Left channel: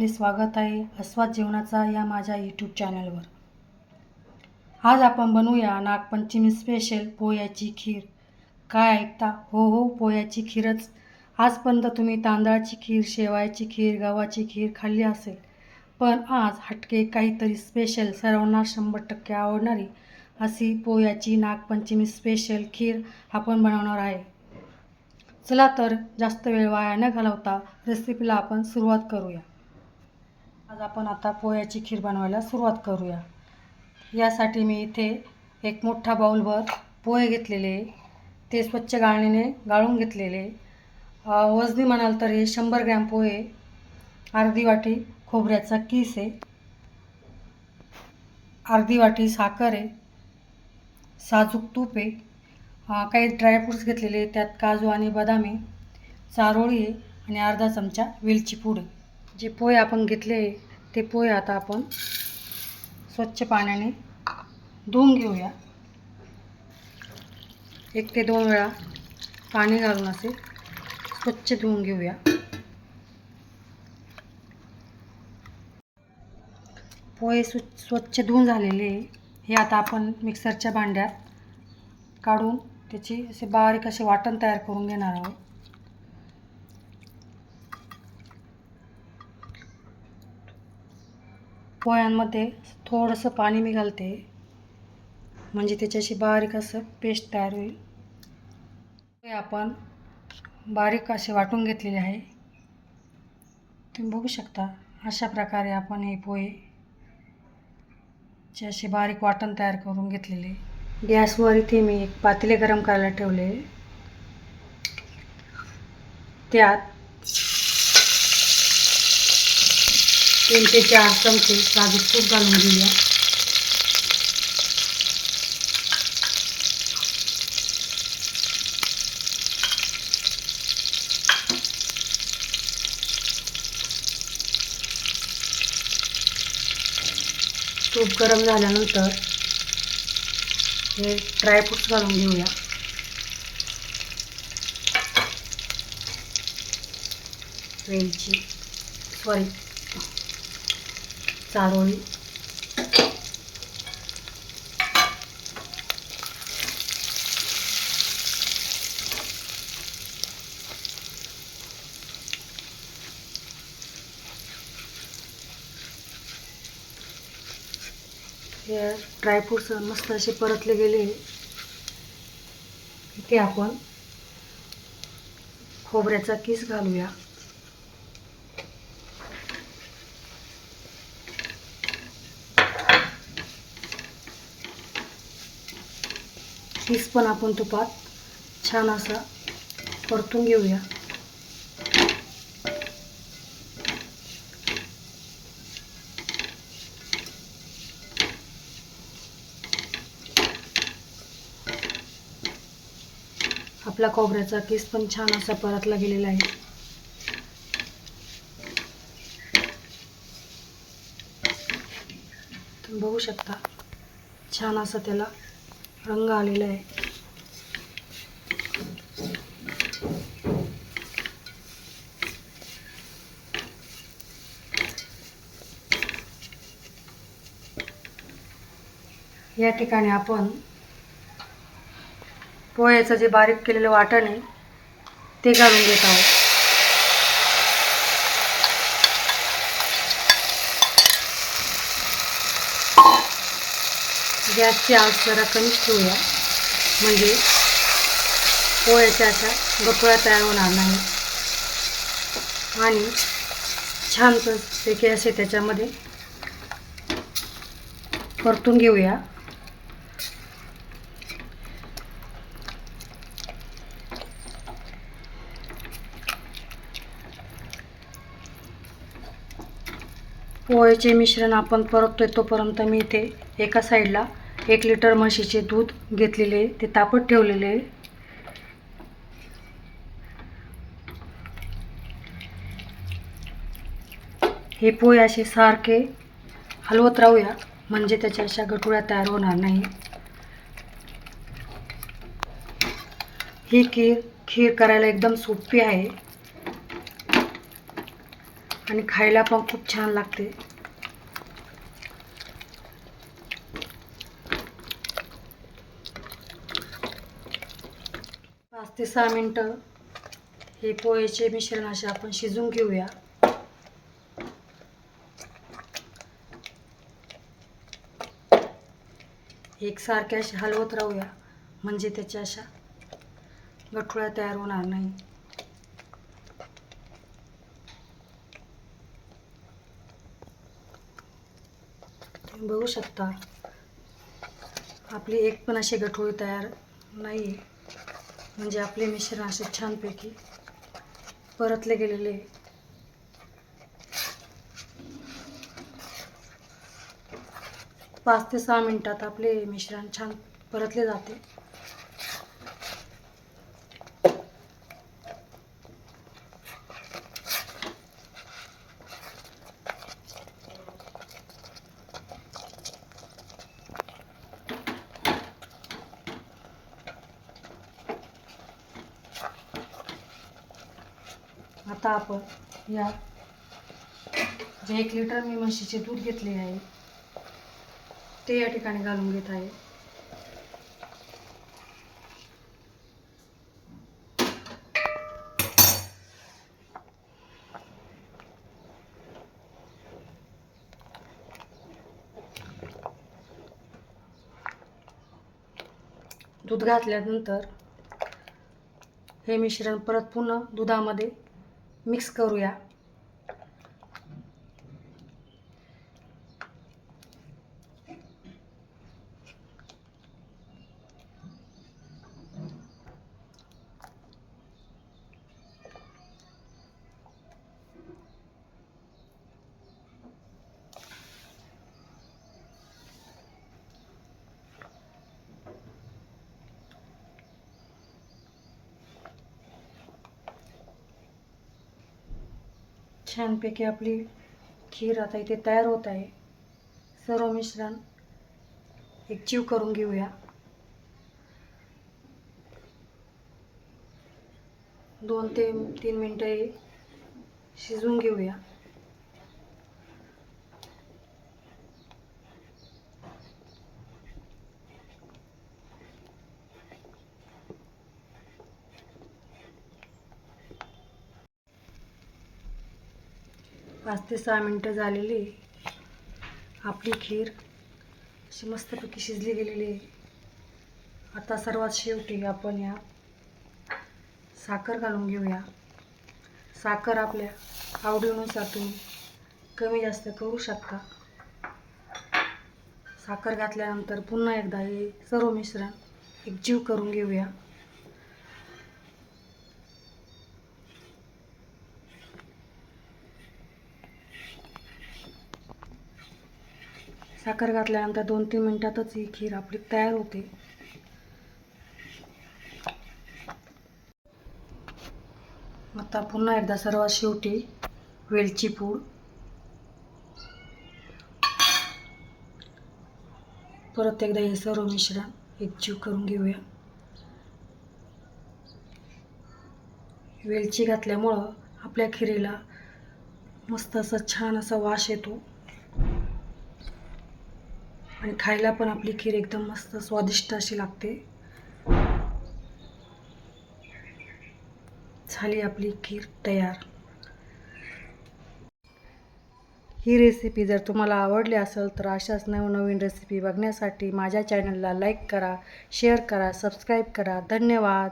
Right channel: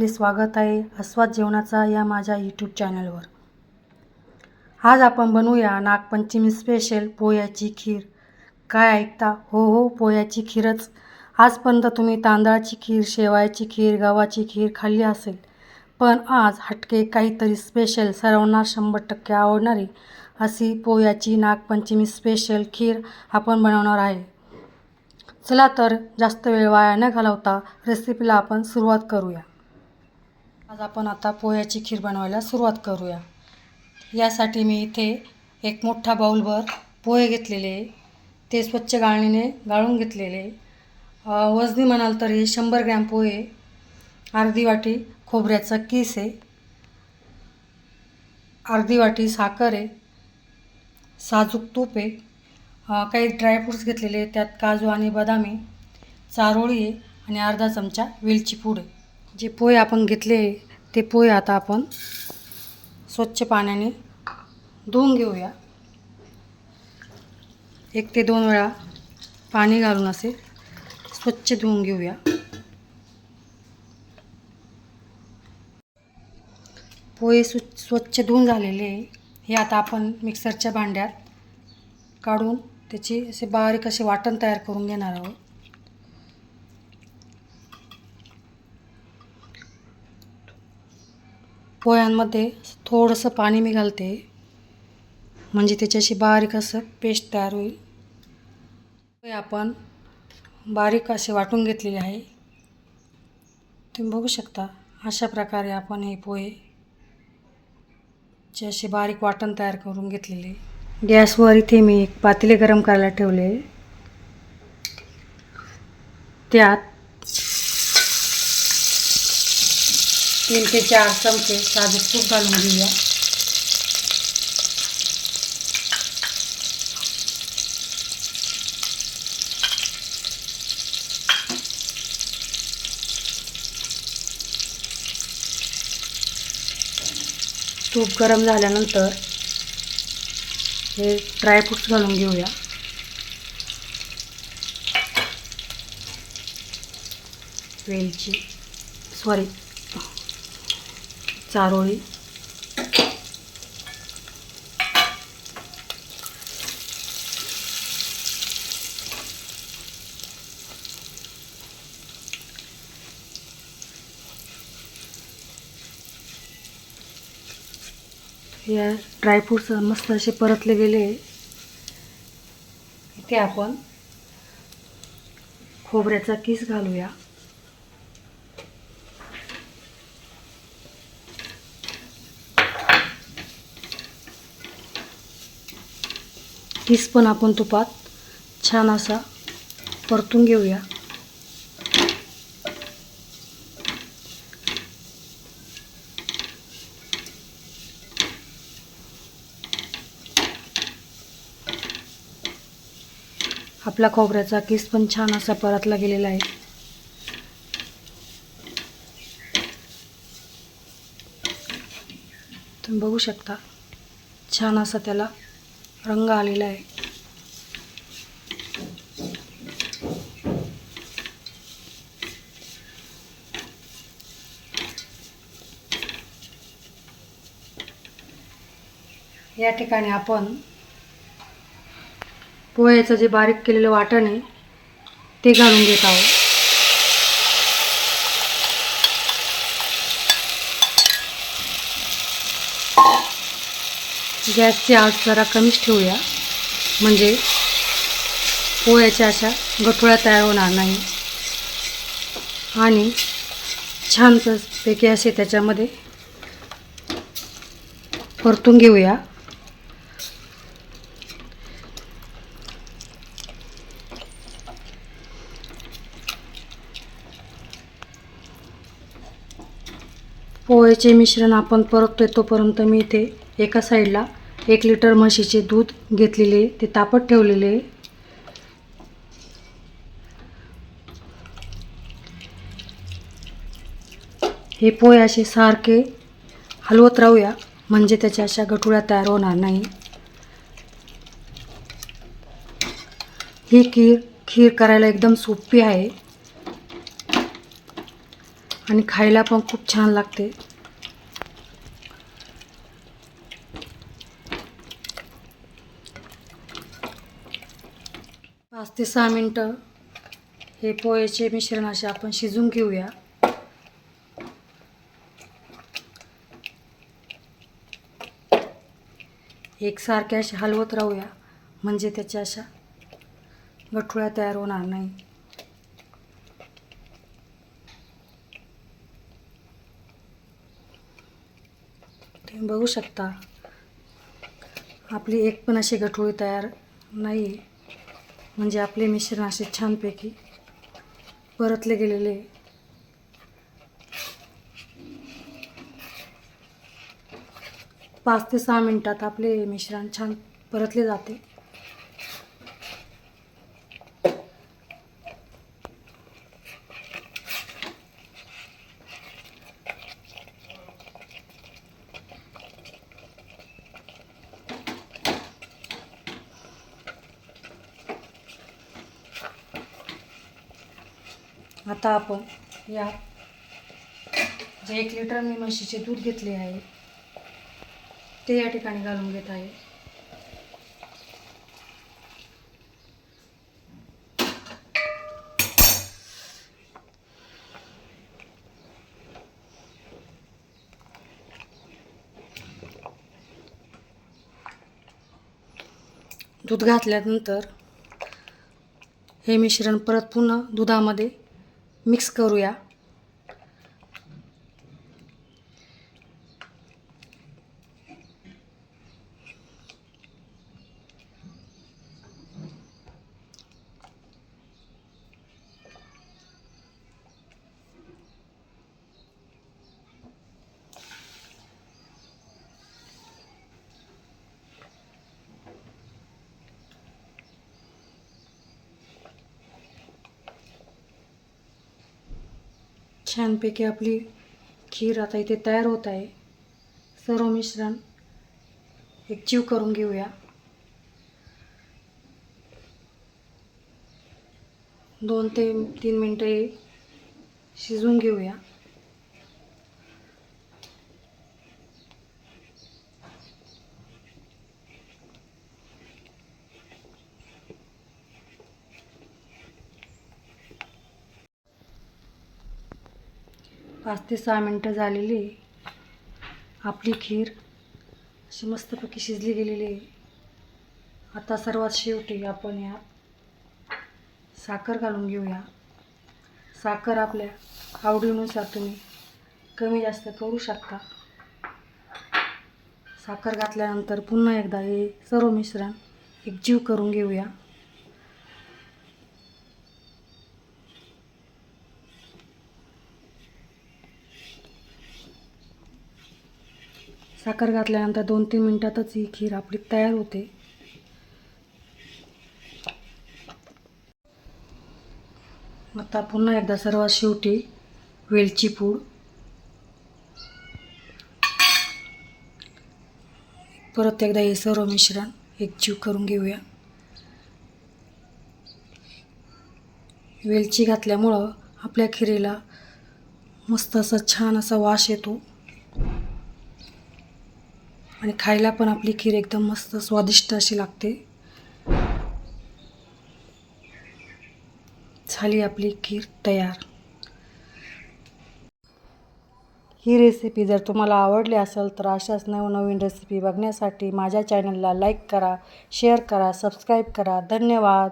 आपले स्वागत आहे आस्वाद जेवणाचा या माझ्या यूट्यूब चॅनलवर आज आपण बनवूया नागपंचमी स्पेशल पोह्याची खीर. काय ऐकता? हो हो पोह्याची खीरच. आजपर्यंत तुम्ही तांदळाची खीर शेवायाची खीर गव्हाची खीर खाल्ली असेल पण आज हटके काहीतरी स्पेशल सर्वांना शंभर टक्के आवडणारी अशी पोह्याची नागपंचमी स्पेशल खीर आपण बनवणार आहे. चला तर जास्त वेळ वाया न घालवता रेसिपीला आपण सुरुवात करूया. आज आपण आता पोह्याची खीर बनवायला सुरुवात करूया. यासाठी मी इथे एक मोठा बाऊलभर पोहे घेतलेले ते स्वच्छ गाळणीने गाळून घेतलेले वजनी म्हणाल तरी शंभर ग्रॅम पोहे अर्धी वाटी खोबऱ्याचा किस आहे. अर्धी वाटी साखर आहे. साजूक तूप आहे. काही ड्रायफ्रूट्स घेतलेले त्यात काजू आणि बदाम आहे. चारोळी आहे आणि अर्धा चमचा वेलची पूड आहे. जे पोहे आपण घेतले ते पोहे आता आपण स्वच्छ पाण्याने धुवून घेऊया. एक ते दोन वेळा पाणी घालून असे स्वच्छ धुवून घेऊया. पोहे सु स्वच्छ धुवून झालेले हे आता आपण मिक्सरच्या भांड्यात काढून त्याची असे बारीक असे वाटण तयार करून घेणार आहोत. पोह्यांमध्ये थोडंसं पाणी मी घालते. म्हणजे त्याच्याशी बारीक असं पेस्ट तयार होईल. पोहे आपण बारीक असे वाटून घेतलेले आहे. तुम्ही बघू शकता अशा प्रकारे आपण हे पोहे चे असे बारीक वाटण तयार करून घेतलेले. गॅसवर इथे मी एक पातेले गरम करायला ठेवले. त्यात तीन ते चार चमचे साजूक तूप घालून घेऊया. तूप गरम झाल्यानंतर हे ड्रायफ्रूट्स घालून घेऊया. वेलची सॉरी चारोळी. या ड्रायफ्रूट्स मस्त असे परतले गेले. इथे आपण खोबऱ्याचा किस घालूया. टीस्पून पण आपण तुपात छान असा परतून घेऊया. आपला खोबऱ्याचा किस पण छान असा परतला गेलेला आहे. तुम्ही बघू शकता छान असा त्याला रंग आलेला आहे. या ठिकाणी आपण पोह्याचं जे बारीक केलेलं वाटण आहे ते घालून घेत आहोत. गॅसची आग जरा कमीच ठेवूया. म्हणजे पोह्याच्या अशा गठुळ्या तयार होणार नाही. आणि छान पैकी असे त्याच्यामध्ये परतून घेऊया. पोह्याचे मिश्रण आपण परततोय तोपर्यंत मी इथे एका साईडला एक लिटर म्हशीचे दूध घेतलेले ते तापत ठेवलेले. हे पोहे असे सारखे हलवत राहूया म्हणजे त्याच्या अशा गठुळ्या तयार होणार नाही. ही खीर खीर करायला एकदम सोपी आहे. आणि खायला पण खूप छान लागते. पाच ते सहा मिनटं. हे पोहेचे मिश्रण असे आपण शिजून घेऊया. एकसारखे असे हलवत राहूया. म्हणजे त्याच्या अशा गठुळ्या तयार होणार नाही. तुम्ही बघू शकता. आपली एक पण अशी गठुळी तयार नाही आहे म्हणजे आपले मिश्रण असे छानपैकी परतले गेलेले. पाच ते सहा मिनटात आपले मिश्रण छान परतले जाते. आता आपण या जे एक लिटर मी म्हशीचे दूध घेतले आहे ते या ठिकाणी घालून घेत आहे. दूध घातल्यानंतर हे मिश्रण परत पुन्हा दुधामध्ये मिक्स करूया. छानपैकी आपली खीर आता इथे तयार होत आहे. सर्व मिश्रण एक जीव करून घेऊया. दोन ते तीन मिनटं शिजवून घेऊया. पाच ते सहा मिनटं झालेली आपली खीर अशी मस्तपैकी शिजली गेलेली आहे. आता सर्वात शेवटी आपण या साखर घालून घेऊया. साखर आपल्या आवडीनुसार तुम्ही कमी जास्त करू शकता. साखर घातल्यानंतर पुन्हा एकदा हे सर्व मिश्रण एकजीव करून घेऊया. साखर घातल्यानंतर दोन तीन मिनटातच ही खीर आपली तयार होते. आता पुन्हा एकदा सर्वात शेवटी वेलची पूड. परत एकदा हे सर्व मिश्रण एकजीव करून घेऊया. वेलची घातल्यामुळं आपल्या खिरेला मस्त असा छान असा वास येतो. आणि खायला पण आपली खीर एकदम मस्त स्वादिष्ट अशी लागते. झाली आपली खीर तयार. ही रेसिपी जर तुम्हाला आवडली असेल तर अशाच नवनवीन रेसिपी बघण्यासाठी माझ्या चॅनलला लाईक करा शेअर करा सबस्क्राईब करा. धन्यवाद.